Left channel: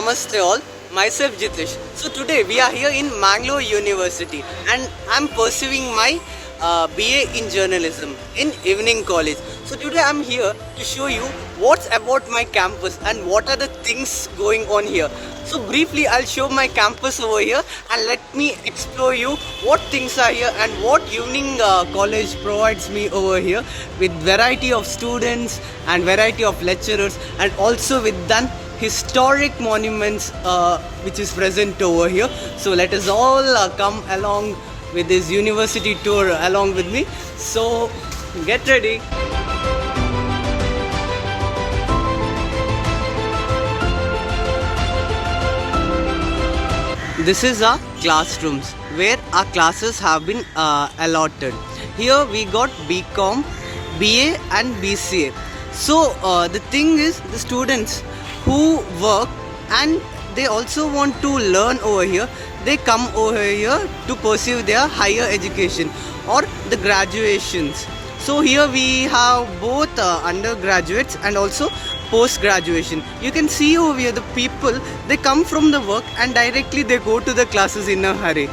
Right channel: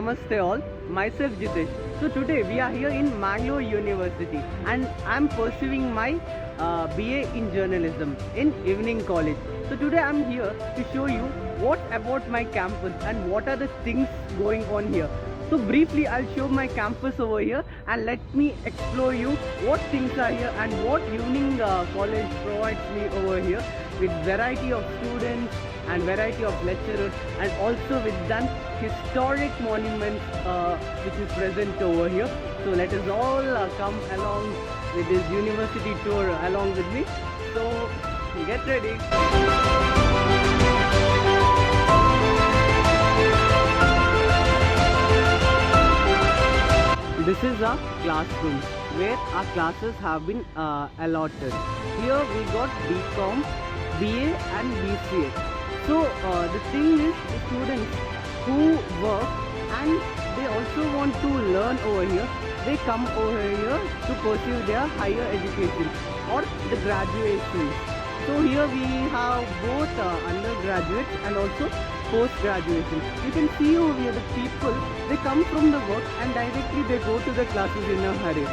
Namaste all, myself Jitesh. So today we are here in Mangalore University and I'm pursuing my BA in journalism in Evening College. So today I'm here to show you what's about my campus and what are the things going on here. So briefly I'll show my campus over here and let me explore you what things are here and what Evening College provides me over here with variety of students and variety of lecturers and also with done historic monuments which is present over here. So let us all come along with this university tour along with me. So get ready. This is our classrooms where our classes have been allotted. Here we got BCom, BA and BCA. So the thing is, the students who work and they also want to learn over here, they come over here to pursue their higher education or the graduations. So here we have both undergraduates and also post graduation. You can see over here the people, they come from the work and directly they go to the classes in a hurry.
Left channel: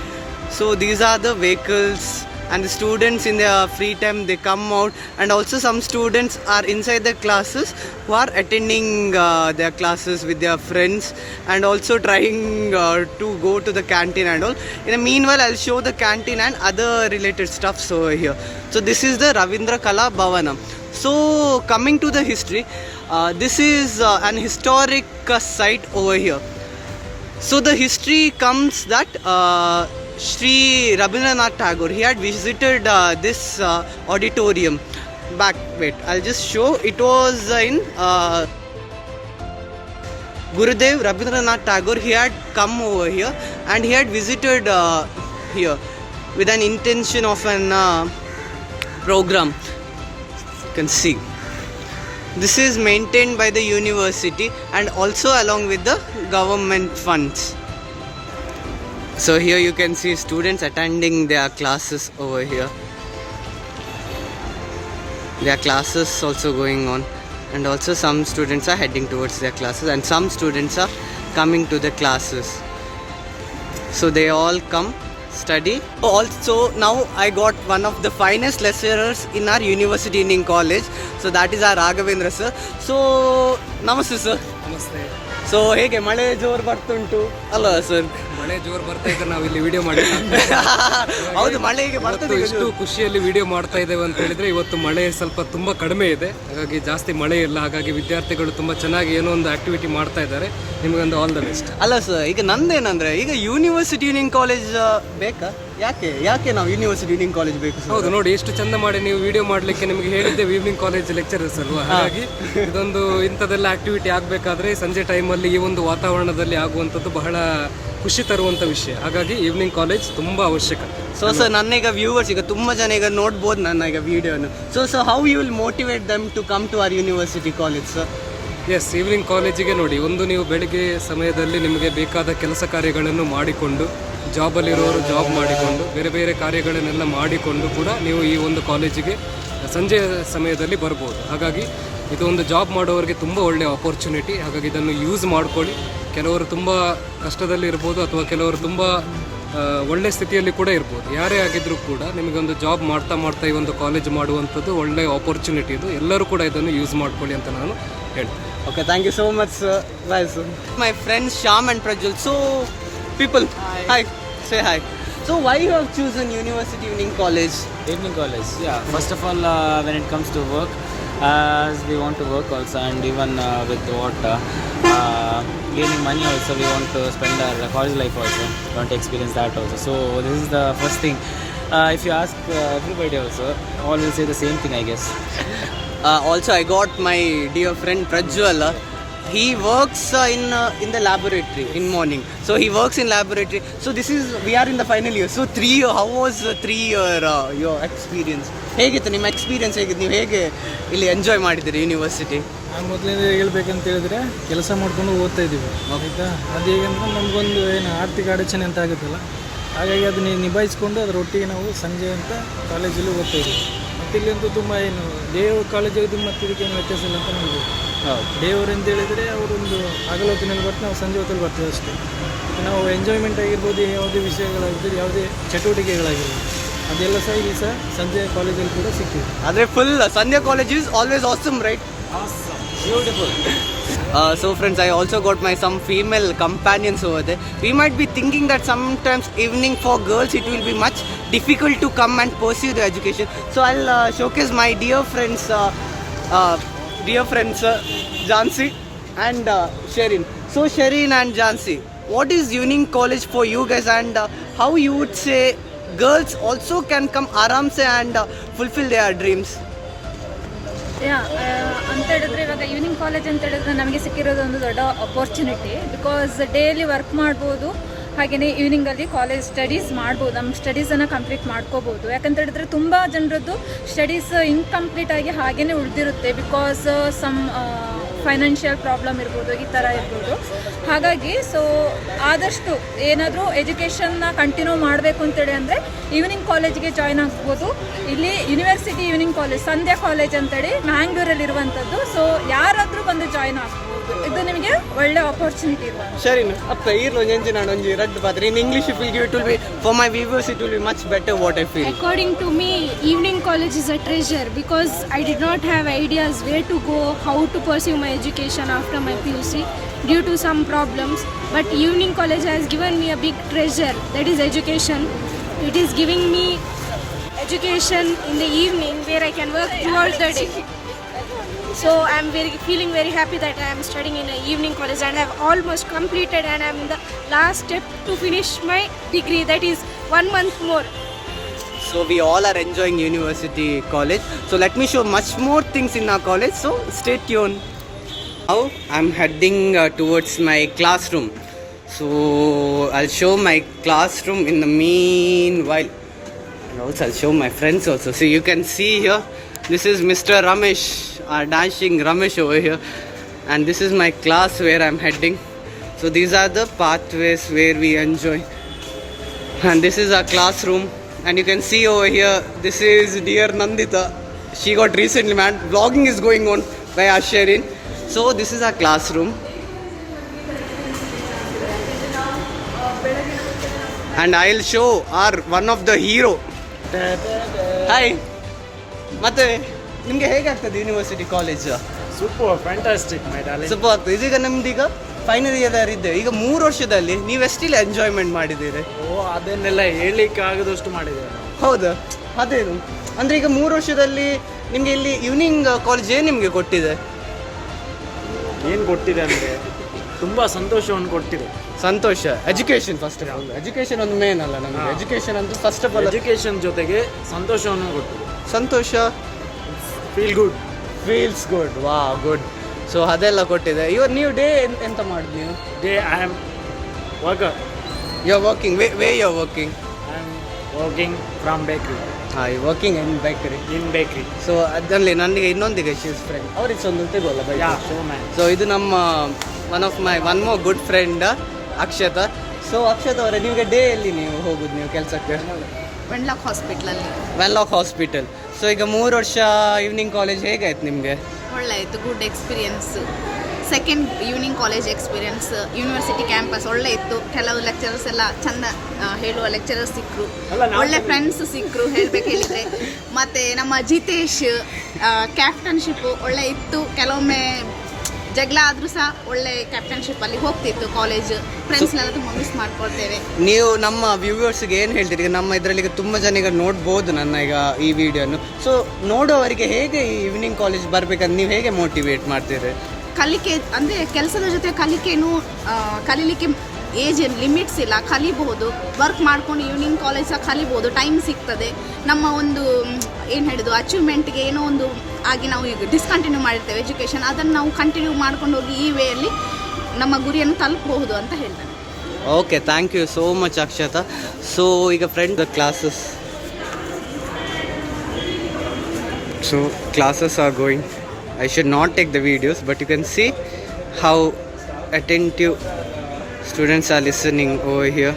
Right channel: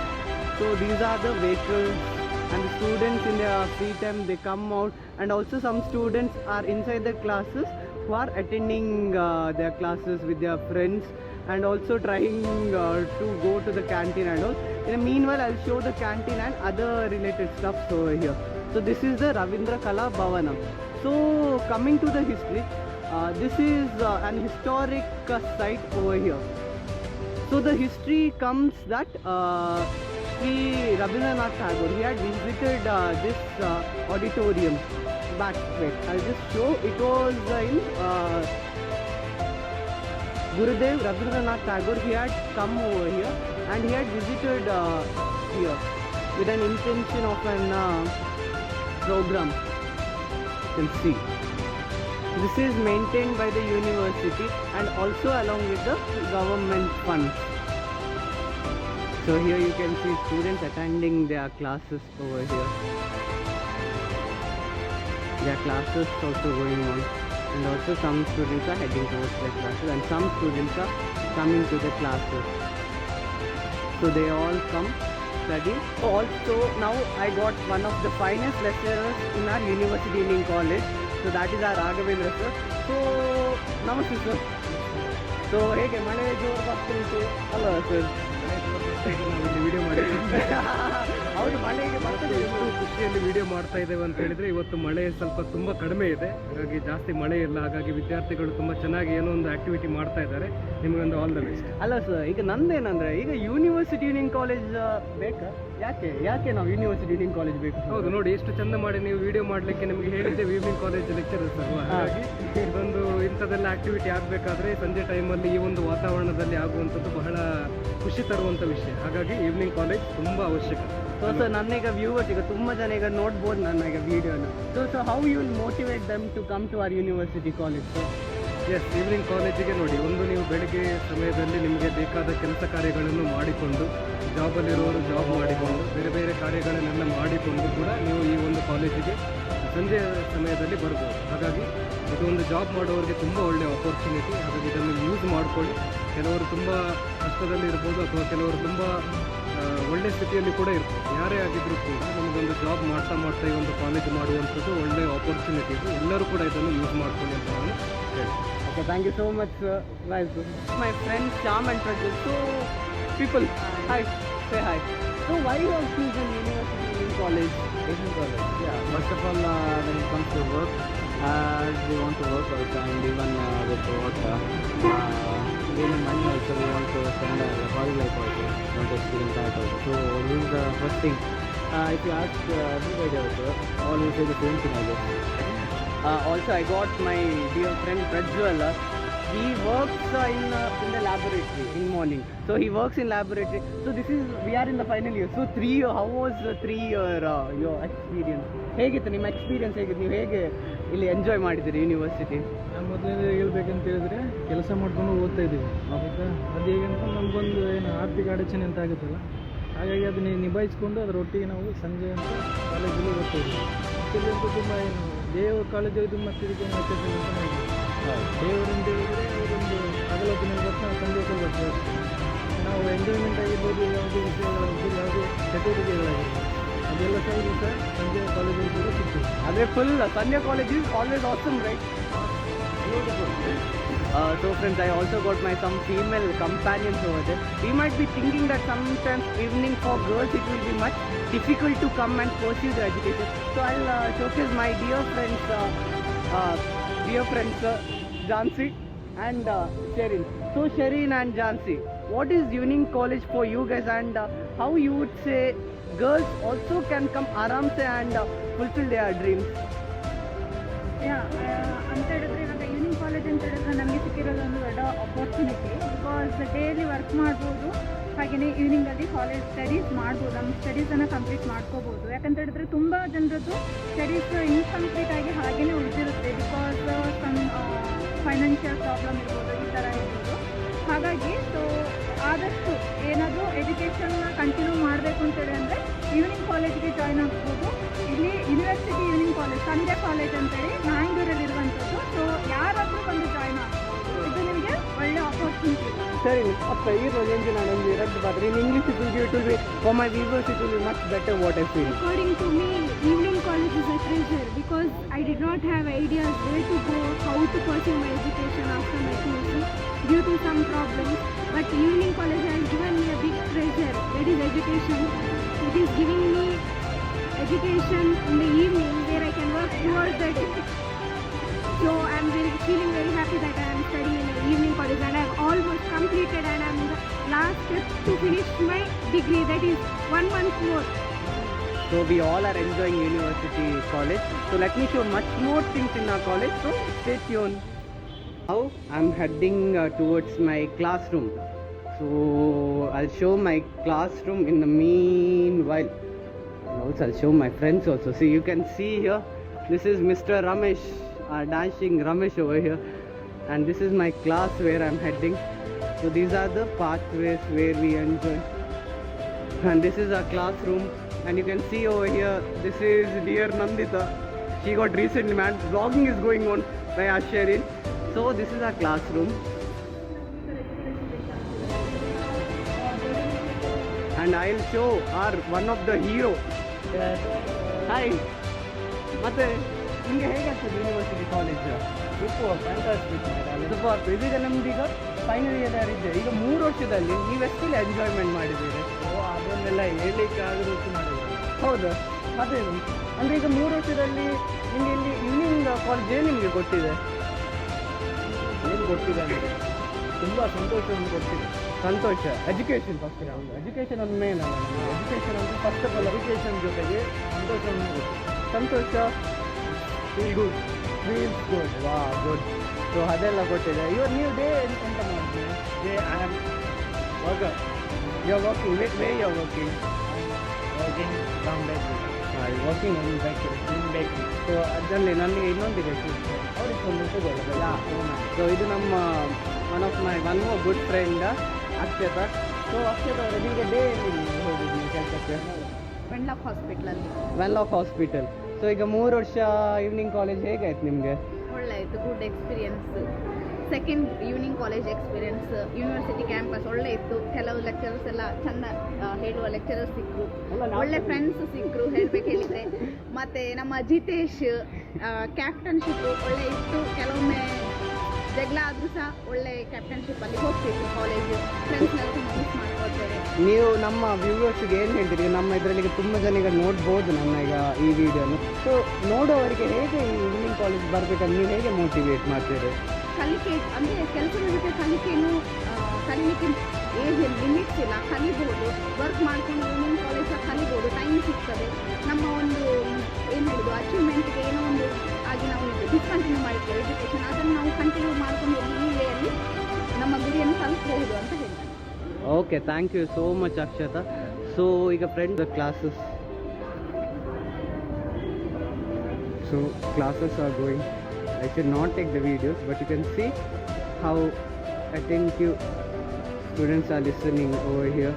So these are the vehicles and the students in their free time they come out, and also some students are inside the classes who are attending their classes with their friends and also trying to go to the canteen and all. In the meanwhile I'll show the canteen and other related stuffs over here. So this is the Ravindra Kala Bhavanam. So coming to the history, this is an historic site over here. So the history comes that Sri Rabindranath Tagore, he had visited this auditorium back. Wait, I'll just show. It was in Gurudev Rabindranath Tagore. He had come over here and he had visited here with an intention of an program. You can see. This is maintained by the university and also along with the government funds. So here you can see students attending their classes over here. Their classes also going on, and also some students are heading towards their classes and some students are coming to the classes. So they all come study. Also now I got one of the finest lecturers in our University Evening College. So that is our Raghavendra sir. So namaste sir. ನಮಸ್ತೆ. So ಹೇಗೆ ಮಳೆ ಜೋರು ಬರ್ತುಂಟು ಅಲ್ಲ sir? ಮಳೆ ಜೋರು ಬರ್ತಾ ಇದೆ, ನಾವಿಲ್ಲಿ ವಿಡಿಯೋ ಮಾಡಿದ್ವಿ. ಹೌದು, ಮಳೆಗೆ ಬರ್ತದೆ. ಎಷ್ಟು ಖುಷಿಯಲ್ಲಿ ವಿಡಿಯೋ ಮಾಡ್ತಾ ಇದ್ದೇವೆ ಅಂತ ಹೇಳಿದ್ರೆ, ಇವತ್ತು ಮಳೆ ಸ್ವಲ್ಪ ತುಂಬಾ ಕಡಿಮೆ ಇದೆ, ಹಾಗಾಗಿ ಜಾಸ್ತಿ ಮಳೆ ಇಲ್ಲ, ಹಾಗಾಗಿ ವಿದ್ಯಾರ್ಥಿಗಳು ತುಂಬಾ ಚೆನ್ನಾಗಿ ಏನೋ ಒಂದು ಆಕ್ಟಿವಿಟಿ ಮಾಡ್ತಾ ಇದ್ದಾರೆ. ನಿಮಗೊಂದು ಆಲ್ ದ ಬೆಸ್ಟ್. ಅಲ್ಲ ಸರ್, ಈಗ ನಂದೇನಂದ್ರೆ ಈಗ ಯೂನಿವರ್ಸಿಟಿ ಯೂನಿಯನ್ ಕಾಲೇಜ್ ಬೇಕಾ? ಯಾಕೆ ನಾವು ಯೂನಿವರ್ಸಿಟಿ ಯೂನಿಯನ್ ಕಾಲೇಜ್ ಬೇಕು? ಹೌದು, ನೋಡಿ ಎಷ್ಟು ಚಂದ ಮಾಡಿ ನೀವು ವಿಡಿಯೋ ಮಾಡ್ಲಿಕ್ಕೆ ನಿಮಗೆ ಹೇಳಿದ್ದೆ ಈವ್ನಿಂಗ್ ಕಾಲೇಜ್ ಲೆಕ್ಚರರ್ಸ್ ಅಲ್ವಾ, ಹಾಗಾಗಿ ಇದೊಂದು ಇಂಥದ್ದೆಲ್ಲ ಆಕ್ಟಿವಿಟಿ ಆಗಬೇಕಾದ್ರೆ ಸಂಜೆ ಟೈಮಲ್ಲಿ ಈ ಒಂದು ವಾತಾವರಣದಲ್ಲಿ ಆಗುವಂಥದ್ದು ಬಹಳ ಖುಷಿ ತರುವಂಥ ವಿಷಯ. ಹಾಗಾಗಿ ಈವ್ನಿಂಗ್ ಕಾಲೇಜ್ ತುಂಬ ಅವಶ್ಯಕ. ಸೊ ಸರ್, ನನ್ನೀಗ ವ್ಯೂವರ್ಸ್ ಈಗ ತುಂಬ ಜನ ಈಗ ನೋಡ್ಬೋದು ನನ್ನ ಈಗ ವಿಡಿಯೋನು. So how you will motivate them to come to our university college sir? Yes, evening ಕಾಲೇಜಿಗೆ ನೋಡಿ, ಒಂದು ನೀವು ಬೆಳಿಗ್ಗೆ ಸಮಯದಲ್ಲಿ ನಿಮಗೆ ಬೇಕಾದ ಕೆಲಸ ಕಾರ್ಯಗಳನ್ನು ಮಾಡಿಕೊಂಡು, ಜಾಬಲ್ಲಿರೋರು ಜಾಬ್ ಮಾಡಿಕೊಂಡು, ಬೇರೆ ಬೇರೆ ಕಾರ್ಯಗಳನ್ನೆಲ್ಲ ಮಾಡಿಕೊಂಡು ಕೂಡ ನೀವು ಈ ಒಂದು ಕಾಲೇಜಿಗೆ ಸಂಜೆ ಸಮಯದಲ್ಲಿ ಬರ್ಬೋದು. ಹಾಗಾಗಿ ಇದು ಒಂದು ಜಾಬ್ ಮಾಡೋರಿಗೆ ತುಂಬ ಒಳ್ಳೆಯ ಆಪರ್ಚುನಿಟಿ. ಹಾಗಾಗಿ ಇದನ್ನು ಯೂಸ್ ಮಾಡ್ಕೊಳ್ಳಿ. ಕೆಲವರು ತುಂಬ ಕಷ್ಟದಲ್ಲಿ ಇರ್ಬೋದು ಅಥವಾ ಕೆಲವರು ತುಂಬ ಒಳ್ಳೆಯ ಸ್ಥಿತಿಯಲ್ಲಿ ಕೂಡ ಇರ್ಬೋದು. ಯಾರೇ ಆಗಿದ್ದರೂ ಕೂಡ ನಿಮಗೊಂದು ಜಾಬ್ ಮಾಡ್ತಾ ಈ ಒಂದು ಕಾಲೇಜ್ ಮಾಡುವಂಥದ್ದು ಒಳ್ಳೆಯ ಆಪರ್ಚುನಿಟಿ. ಇದು ಎಲ್ಲರೂ ಕೂಡ ಇದನ್ನು ಯೂಸ್ ಮಾಡ್ಕೊಳ್ಳಿ ಅಂತ ನಾನು ಹೇಳ್ತೀನಿ. Okay, thank you so much sir. Bye sir. My friends Shyam and Prajwal. So people, hi. Say hi. So why you have chosen University Evening College? Evening College, yeah. First of all, when it comes to work, as we want to work also, and even with what gaining money also, we want to spend our college life also, want to experience that also. So this is the first thing. If you ask everybody also, all will say the same thing, I guess. Also I got my dear friend Prajwal. He works in the laboratory in morning. So he works in laboratory. So we are in the final year. So 3 year, how was 3 year your experience? ಹೇಗಿತ್ತು ನಿಮ್ಮ experience? ಹೇಗಿತ್ತು? ನೀವು ಹೇಗೆ ಇಲ್ಲಿ enjoy ಮಾಡಿದ್ದೀರಿ university? ನಾವು ಮೊದಲಿಂದ ಹೇಳ್ಬೇಕಂತ ಹೇಳಿದ್ರೆ ಕೆಲಸ ಮಾಡ್ಕೊಂಡು ಓದ್ತಾ ಇದ್ದೀವಿ, ಆಯಿತಾ. ಅದು ಹೇಗಂದ್ರೆ ನಮಗೊಂದು ಏನು ಆರ್ಥಿಕ ಅಡಚಣೆ ಅಂತ ಆಗುತ್ತಲ್ಲ, ಹಾಗಾಗಿ ಅದನ್ನ ನಿಭಾಯಿಸ್ಕೊಂಡು ಅದರೊಟ್ಟಿಗೆ ನಾವು ಸಂಜೆ ಅಂತ ಕಾಲೇಜಲ್ಲಿ ಓದ್ತಾ ಇದ್ದೀವಿ. ಮತ್ತು ಇಲ್ಲಂತೂ ತುಂಬ ಏನು ದೇವ ಕಾಲೇಜ್ ಮತ್ತು ಇದಕ್ಕೆ ವ್ಯತ್ಯಾಸ ಇಲ್ಲ ಅಂತ ನೋಡ್ಬೋದು. ಡೇ ಅವರ್ ಅಂತ ಹೇಳಿದರೆ ಅವರೊಂದು ಹಗಲು ಹೊತ್ತಿನಲ್ಲಿ ಬರ್ತಾರೆ, ನಾವು ಸಂಜೆ ಹೊತ್ತಲ್ಲಿ ಬರ್ತೀವಿ ಅಷ್ಟೇ. ನಾವು ಎಂಜಾಯ್ಮೆಂಟ್ ಆಗಿರ್ಬೋದು, ಯಾವುದೇ ವಿಷಯಗಳಾಗಿರ್ಬೋದು, ಯಾವುದೇ ಚಟುವಟಿಕೆಗಳಾಗಿರ್ಬೋದು, ಅದೆಲ್ಲ ಸಹ ಇಲ್ಲಿ ಸಹ ಸಂಜೆ ಕಾಲೇಜಲ್ಲಿ ಕೂಡ ಸಿಗ್ತೀವಿ. ಆದರೆ full Sandhya college is always awesome, right? Beautiful. So friends, I also got my some female companions over there. We might be thinking that sometimes evening for girls it will be much difficult to come and pursue the education. So I'll showcase my dear friends Jhansi and Sherin. So Sherin and Jhansi, what is Union College for you guys, and how you would say girls also can come aram se and fulfill their dreams? ಅಂತ ಹೇಳಿದ್ರೆ ಇವಾಗ evening college ಅಂತ ಹೇಳಿದ್ರೆ ನಮಗೆ ಸಿಕ್ಕಿರೋದು ಒಂದು ದೊಡ್ಡ opportunity. Because daily work ಮಾಡ್ಬೋದು, ಹಾಗೆಯೇ ಈವ್ನಿಂಗಲ್ಲಿ ಕಾಲೇಜ್ ಸ್ಟಡೀಸ್ ಮಾಡ್ಬೋದು, ನಮ್ಮ ಸ್ಟಡೀಸನ್ನು ಕಂಪ್ಲೀಟ್ ಮಾಡ್ಕೋಬೋದು. ಯಾಕಂತ ಹೇಳಿದ್ರೆ ತುಂಬ ಜನರದ್ದು ಸ್ಟಡೀಸ್ ಇನ್ಕಂಪ್ಲೀಟ್ ಆಗಿ ಹಾಗೆಯೇ ಉಳಿದಿರುತ್ತೆ. ಬಿಕಾಸ್ ಸಮ್ ಫೈನಾನ್ಷಿಯಲ್ ಪ್ರಾಬ್ಲಮ್ ಇರ್ಬೋದು, ಈ ಥರ ಇರ್ಬೋದು. ಹಾಗಾಗಿ ಸೊ ಆದಷ್ಟು ಏನಾದರೂ ಎಜುಕೇಷನ್ನ ಕಂಟಿನ್ಯೂ ಮಾಡಬೇಕು ಅಂತೇಳಿ ಅಂದರೆ ಈವ್ನಿಂಗ್ ಕಾಲೇಜಿಗೆ ಜಾಯ್ನ್ ಆಗ್ಬೋದು. ಇಲ್ಲಿ ಯೂನಿವರ್ಸಿಟಿ ಈವ್ನಿಂಗ್ ಕಾಲೇಜ್ ಸಂಧ್ಯಾ ಕಾಲೇಜ್ ಅಂತೇಳಿ ಮ್ಯಾಂಗ್ಳೂರಲ್ಲಿರುವಂಥದ್ದು. ಸೊ ಯಾರಾದರೂ ಬಂದು ಜಾಯ್ನ್ ಆಗ್ಬೋದು, ಇದು ನಿಮಗೆ ಒಳ್ಳೆ ಆಪರ್ಚುನಿಟಿ ಇದೆ. Sherin, appa irlo nenji ನಾನು ಒಂಜಿ ರಡ್ಡು ಪಾತ್ರ in English if we give it will be for my viewers it will be much better what I feel. According to me, evening college is a treasure because I did not have ideas where to go, how to pursue my education after my PUC due to some problems. But evening college has given me a big treasure, that is education. It is giving me education in the evening where I can work throughout the day. So I am feeling very happy that I am studying in an evening college and I have almost completed and I am in the last step to finish my degree, that is 1 month more. So we all are enjoying university college. So let me show much more things in our college. So stay tuned. Now I'm heading towards my classroom. So I'll show my classroom in the meanwhile. And also I'll show my friends also. So you can see here, this is Mr. Ramesh, our dancing Ramesh over here. And this is my class where I'm heading. So these are the pathways where we enjoy. And this is our classroom. And you can see over here, this is dear Nandita. She got recently, man, vlogging is going on by Sherin. So this is our classroom. And I'll show our one of the hero. Hi. ಮತ್ತೆ ನಿಮಗೆ ಹೇಗಾಗ್ತದೆ university college? Super, fantastic my darling. Super ಆಗ್ತದೆ. ಇದೀಗ ನಮ್ದೀಗ final year ಇದ್ದೆ. ಈಗ 3 ವರ್ಷದಲ್ಲಿ ನೀವು ಎಷ್ಟಿಲ್ಲ enjoyment ಮಾಡಿದ್ದೀರಿ? ಅದನ್ನೆಲ್ಲ ಹೇಳಲಿಕ್ಕೆ ಆಗದಷ್ಟು ಮಾಡಿದ್ದಾರೆ. ಹೌದಾ? ಅದೇನು ಅಂದರೆ ಈಗ 3 ವರ್ಷದಲ್ಲಿ ನಿಮಗೆ ಇಲ್ಲಿ ಈವ್ನಿಂಗ್ ಕಾಲೇಜ್ ಏನು ನಿಮಗೆ ಕೊಟ್ಟಿದೆ? ಏನು ಕೊಟ್ಟಿದೆ ಅಂದರೆ ತುಂಬ ಸಂತೋಷವನ್ನು ಕೊಟ್ಟಿದೆ. ಸಂತೋಷ, education first of all. Education ಒಂದು ಮೇನ್ ಅಲ್ಲ ನಮಗೆ. ಎಜುಕೇಷನ್ ಅಂತ ಫಸ್ಟ್ ಆಫ್ ಆಲ್ ಎಜುಕೇಷನ್ ಜೊತೆಗೆ ಸಂತೋಷವನ್ನು ಕೊಟ್ಟಿದೆ. ಸಂತೋಷ, feel good, feels good, wow good. So ಅದೆಲ್ಲ ಕೊಟ್ಟಿದೆ. ಇವಾಗ ನೀವು ಡೇ ಎಂತ ಮಾಡಿದ್ವಿ? ಡೇ I am worker. You are working, where you are working? I am working from bakery. ಹಾಂ, working in bakery. Bakery. So ಅದರಲ್ಲಿ ನನಗೆ ಇನ್ನೊಂದಿಗೆ ಶೀಸ್ ಫ್ರೆಂಡ್ ಅವ್ರಿಗೆ ಒಂದು ತೆಗೋಲ್ಲ ಬೈ. ಸೊ ಇದು ನಮ್ಮ one more good friend Akshata. So Akshata ಅವರೇ, ನಿಮಗೆ ಡೇ ಎಲ್ಲಿ ನೀವು ಹೋಗುದು ನೀವು ಕೆಲಸಕ್ಕೆ? ವೆನ್ಲಾಕ್ ಹಾಸ್ಪಿಟ್ಲಲ್ಲಿ. Wenlock hospital. ಸೊ ಈಗ 3 ವರ್ಷ ಈವ್ನಿಂಗ್ ಕಾಲೇಜ್ ಹೇಗಾಯ್ತು ನಿಮಗೆ? ಒಳ್ಳೆ ಇತ್ತು, good experience. Second evening college experience. University campus ಒಳ್ಳೆ ಇತ್ತು. ಕೆಲವು ಲೆಕ್ಚರರ್ಸ್ ಎಲ್ಲ ಚಂದ ಹೇಳುವ ಲೆಕ್ಚರರ್ಸ್ ಸಿಕ್ಕರು, ಒಳ್ಳೆ ಫ್ರೆಂಡ್ಸ್ ಸಿಕ್ಕರು ಹೇಳ್ಬೇಕು ಹೇಳಿದರೆ. ಮತ್ತು ನಮ್ಮ ಜಿತೇಶ್ ಕ್ಯಾಪ್ಟನ್ಶಿಪ್ ಒಳ್ಳೆ ಇತ್ತು. ಕೆಲವೊಮ್ಮೆ ಜಗಳ ಆದರೂ ಸಹ ಒಳ್ಳೆ ಕ್ಯಾಪ್ಟನ್ಶಿಪ್ಪಲ್ಲಿ ಹೋಗ್ತಿತ್ತು ಕಾಲೇಜ್. ಫ್ರೆಂಡ್ಸ್ನೆಲ್ಲ ತುಂಬ ಮಿಸ್ ಮಾಡ್ಕೊಳ್ತೇವೆ. ನೀವು ನಮ್ಮ ವ್ಯೂವರ್ಸ್ಗೆ ಏನು ಹೇಳ್ತೀರಿ? ಈಗ ನಮ್ಮ ಇದರಲ್ಲಿ ಈಗ ತುಂಬ ಜನ ಈಗ ನೋಡ್ಬೋದು ನನ್ನ ಈಗ ಈ ವಿಡಿಯೋನು. ಸೊ ನೋಡೋವರಿಗೆ ಹೇಗೆ ಈ ಈವ್ನಿಂಗ್ ಕಾಲೇಜ್ ಬರಬೇಕಂತ ನೀವು ಹೇಗೆ ಮೋಟಿವೇಟ್ ಮಾಡ್ತೀರಿ? ಕಲಿಕೆ ಅಂದರೆ ಕೆಲಸದ ಜೊತೆ ಕಲಿಕೆನೂ ಕಲೀಲಿಕ್ಕೆ ಏಜ್ ಲಿಮಿಟ್ಸ್ ಇಲ್ಲ, ಕಲಿಬಹುದು. ವರ್ಕ್ ಮಾಡ್ಕೊಂಡು ಈವ್ನಿಂಗ್ ಕಾಲೇಜ್ ಸಹ ಕಲಿಬೋದು, ಟೈಮ್ ಸಿಗ್ತದೆ. ನಮ್ಮ ಒಂದು ಏನು ಹೇಳಿದ್ದು ಅಚೀವ್ಮೆಂಟ್ಗೆ ಏನೋ ಒಂದು ಆಗಿ ನಾವು ಈಗ ಡಿಸ್ಕಂಟಿನ್ಯೂ ಮಾಡಿರ್ತೇವೆ ಎಜುಕೇಷನ್, ಅದನ್ನು ನಾವು ಕಂಟಿನ್ಯೂ ಮಾಡ್ಕೊಂಡು ಹೋಗಿ ಈ ವೇಯಲ್ಲಿ ನಮ್ಮ ಗುರಿಯನ್ನು ತಲುಪಬಹುದು ಅಂತ ಹೇಳ್ತೇನೆ. Okay, thank you so much Akshata. So ಈಗ friend the classes. So classes are going. I should not take the videos, but you can see how attentive students are listening over here.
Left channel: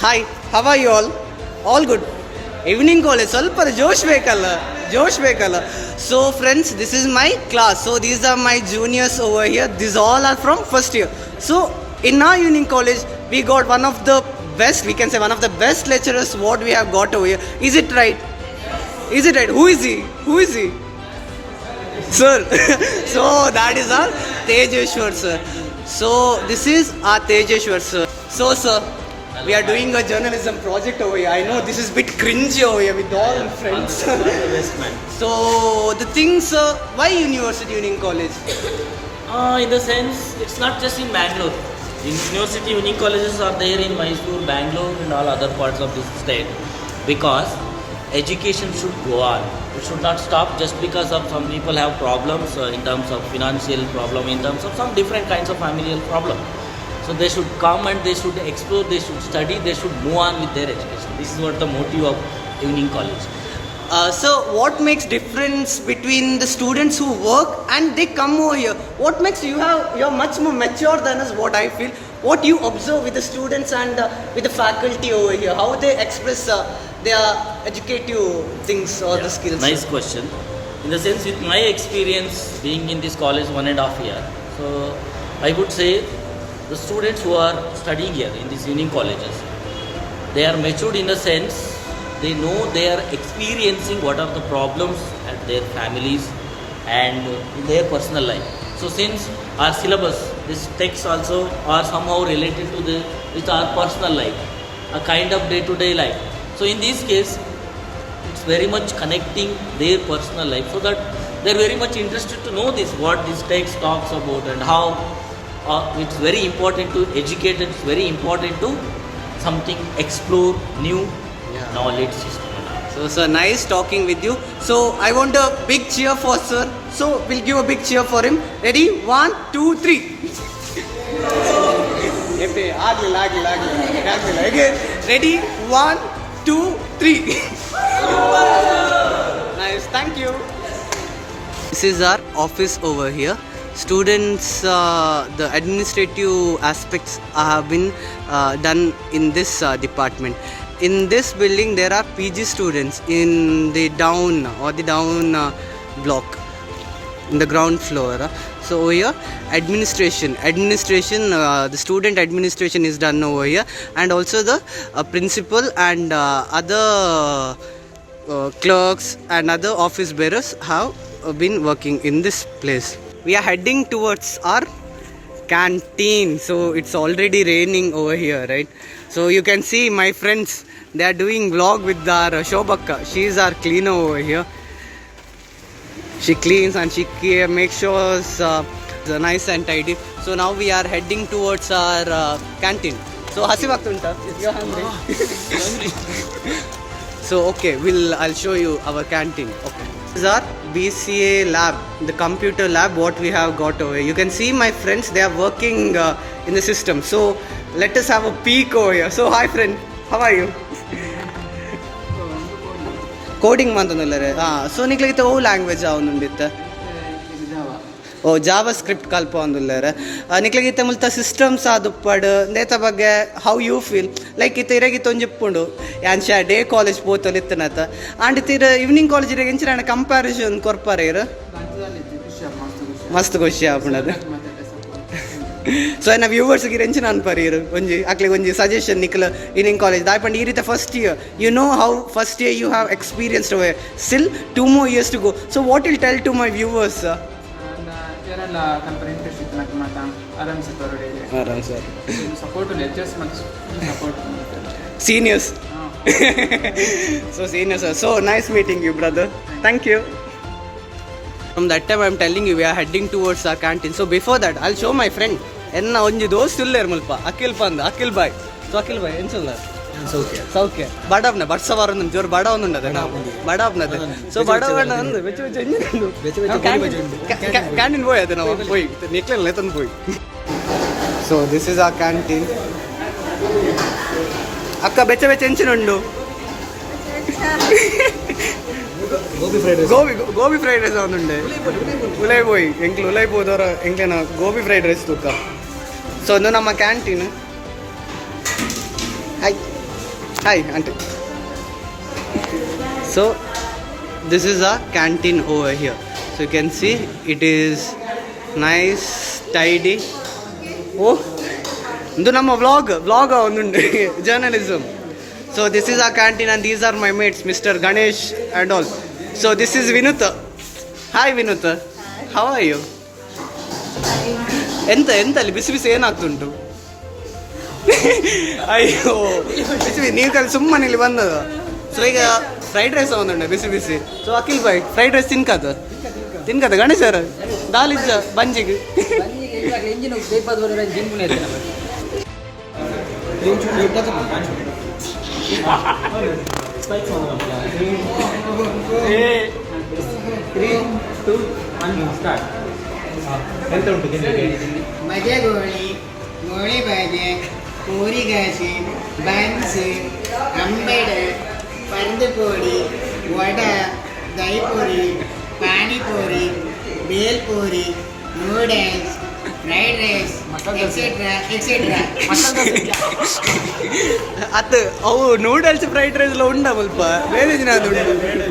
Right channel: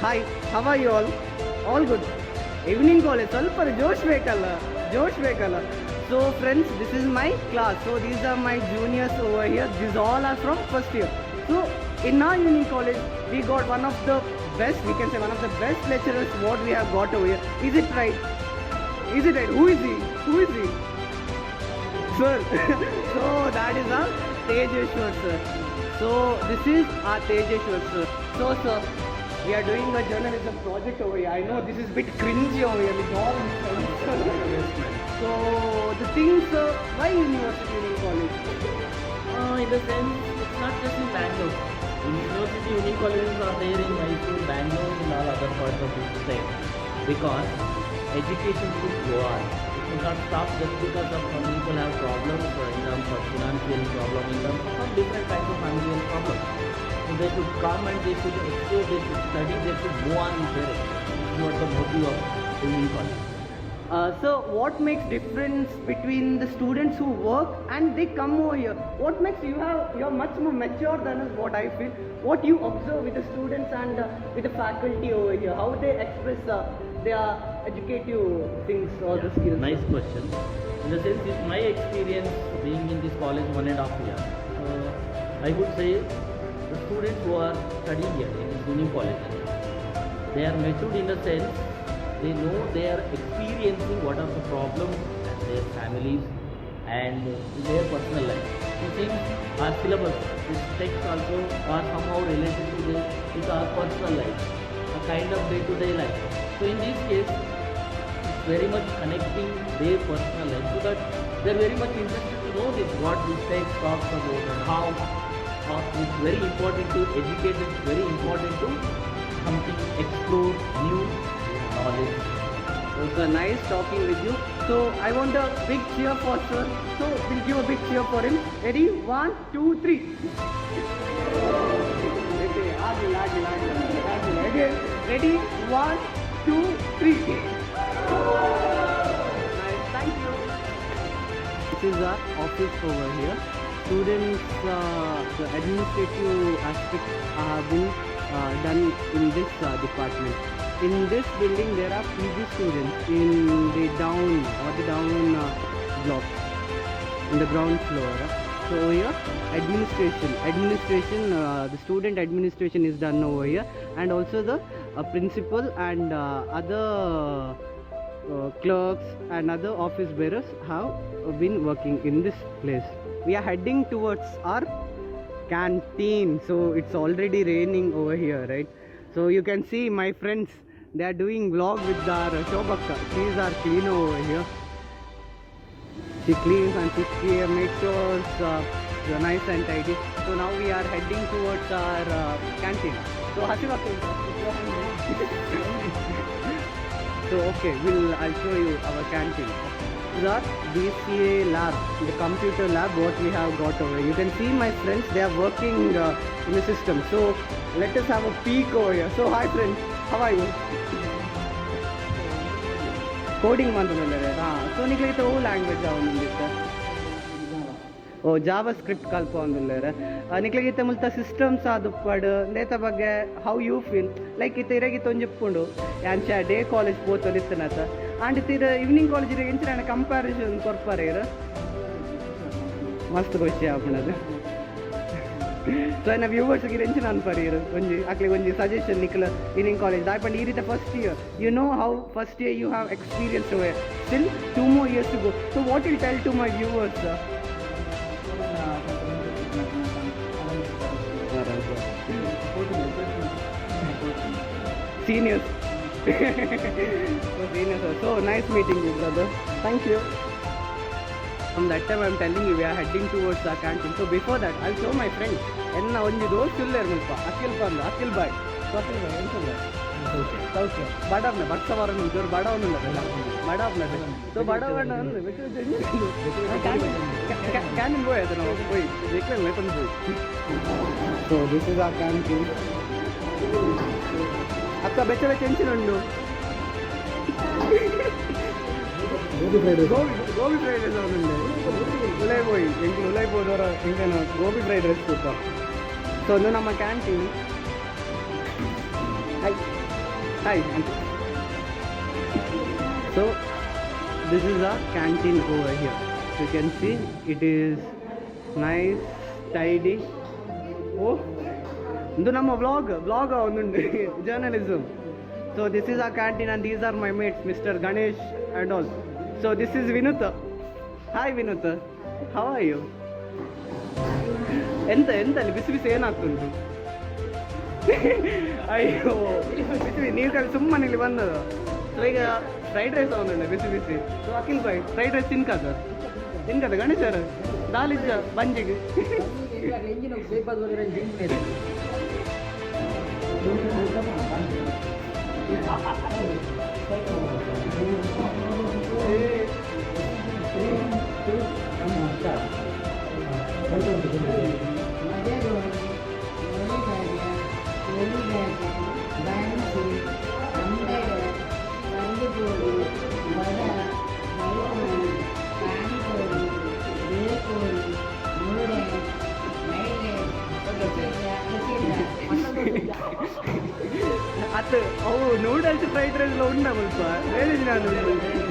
Hi, how are you all? All good. Evening college, ಸ್ವಲ್ಪ ಜೋಶ್ ಬೇಕಲ್ಲ. So friends, this is my class. So these are my juniors over here. These all are from first year. So in our evening college, we got one of the best, we can say one of the best lecturers what we have got over here. Is it right? Who is he? Sir. So that is our Tejeshwar sir. So this is our Tejeshwar sir. So sir, we are doing a journalism project over here. I know this is a bit cringy over here with all friends. So the things, why University Evening College? In the sense, it's not just in Bangalore. University Evening colleges are there in Mysore, Bangalore, and all other parts of this state. Because education should go on. It should not stop just because of some people have problems in terms of financial problem, in terms of some different kinds of familial problem. So they should come and they should explore, they should study, they should move on with their education. This is what the motive of evening college. So what makes difference between the students who work and they come over here? What makes you're much more mature than us, what I feel. What you observe with the students and with the faculty over here, how they express their educative things or the skills. Nice question. In the sense, with my experience being in this college 1.5 year, so I would say the students who are studying here in these evening colleges, they are matured in the sense they know they are experiencing what are the problems at their families and in their personal life. So since our syllabus, these texts also are somehow related to with our personal life, a kind of day-to-day life. So in this case, it's very much connecting their personal life, so that they're very much interested to know what this text talks about and how it's very important to educate, it's very important to something explore new knowledge system. So sir, nice talking with you. So I want a big cheer for sir. So we'll give a big cheer for him. Ready? 1, 2, 3. Agila. Again. Ready? 1, 2, 3. Nice. Thank you. This is our office over here. Students, the administrative aspects have been done in this department. In this building, there are PG students in the down block, in the ground floor. So over here, administration, the student administration is done over here, and also the principal and other clerks and other office bearers have been working in this place. We are heading towards our canteen. So it's already raining over here, right? So you can see my friends, they are doing vlog with our Shobhakka. She is our cleaner over here. She cleans and she makes sure it's nice and tidy. So now we are heading towards our canteen. So hasivagtunta if you're hungry. So okay, I'll show you our canteen. Okay. This is our BCA lab, the computer lab what we have got over here. You can see my friends, they are working in the system. So let us have a peek over here. So hi friend, how are you? Coding mantanallare. So niklagita o language avunditta. Oh, JavaScript kalpa andullare. Niklagita multa systems aduppadu ndeta bagge how you feel like ita iragita onju ppundu yansha day college potalittanata and ita evening college irage enchana comparison korpare ira mast khoshi apunadu. So na viewers ಗೆ ರೆಂಚ್ ನಾನು ಪರಿರು ಒಂಜಿ ಅಕ್ಲೆ ಒಂಜಿ suggestion ನಿಕಲ ಇನಿಂಗ್ college ದಾಯಪಂಡ ಈ ರೀತಿ first year you know how first year you have experienced ಅವೇ still 2 more years to go. So what will tell to my viewers? ಏನೆಲ್ಲ ಕಂಪನಿ ಇಂಟರ್ನ್ಶಿಪ್ ಮಾಡ್ತಾ ಆರಾಮ್ ಸರ್ ಸಪೋರ್ಟ್ ಲೆಕ್ಚರ್ಸ್ ಮತ್ತು support seniors. So seniors, so nice meeting you brother, thank you. From that time I'm telling you we are heading towards our canteen. So before that I'll show my friend enna onji dost uller mulpa akil bhai. So akil bhai enchalla ಸೌಖ್ಯ ಬಡವನ ಬಡ್ಸವಾರ ನಮ್ಮ ಜೋರು ಬಡವನ ಉಂಡದೆ ನಾವು ಬಡವನದೆ. So ಬಡವನ ಅಂದು ಬೆಚ್ಚ canteen போய் ಅದು ನಾವು போய் ನಿಕ್ಲೆಲ್ಲ ತಂದು போய். ಸೊ ದಿಸ್ ಇಸ್ ಆ ಕ್ಯಾಂಟೀನ್. ಅಕ್ಕ ಬೆಚ್ಚ ಎಂಚಿನುಂಡು ಗೋಬಿ ಫ್ರೈಡ್ ರೈಸ್ ಅವನುಂಡೆ ಉಲೈ போய் ಎಂಕ್ಲು ಉಲೈ போದವರ ಎಂಕ್ಲೇನ ಗೋಬಿ ಫ್ರೈಡ್ ರೈಸ್ ತೂಕ. ಸೊ ಒಂದು ನಮ್ಮ canteen. Hi Hi, auntie. So this is a canteen over here. So you can see it is nice, tidy. Oh, ಇದು ನಮ್ಮ ವ್ಲಾಗ್ ಒಂದುಂಟು journalism. So this is our canteen and these are my mates, Mr. Ganesh and all. So this is Vinuta. Hi Vinuta, how are you? ಎಂತ ಅಲ್ಲಿ ಬಿಸಿ ಬಿಸಿ ಏನಾಗ್ತುಂಟು? ಅಯ್ಯೋ ಬಿಸಿ ನೀವು ಕಲಿ ಸುಮ್ಮನೆ ಇಲ್ಲಿ ಬಂದದ್ದು. ಸೊ ಈಗ ಫ್ರೈಡ್ ರೈಸ್ ಒಂದುಂಟು ಬಿಸಿ ಬಿಸಿ. ಸೊ ಅಖಿಲ್ ಬಾಯ್ ಫ್ರೈಡ್ ರೈಸ್ ತಿನ್ಕದ ಗಣೇಶ್ ಸರ್ ದಾಲಿಜ್ಜ ಬಂಜಿಗೆ. ಮಜಾ ಗೋಳಿ ಬಾಜೆ ಪೂರಿಗಾಸಿ ಬನ್ಸ್ ಅಂಬೆಡ್ ಪರಂದುಪೋಡಿ vada dahipuri panipuri bhelpuri noodles fried rice etcetera ಅತ್ತು ಅವು ನೂಡಲ್ಸ್ ಫ್ರೈಡ್ ರೈಸ್ ಎಲ್ಲ ಉಂಡ ಸ್ವಲ್ಪ ಬೇರೆ ದಿನ ಅದು ಉಂಟು.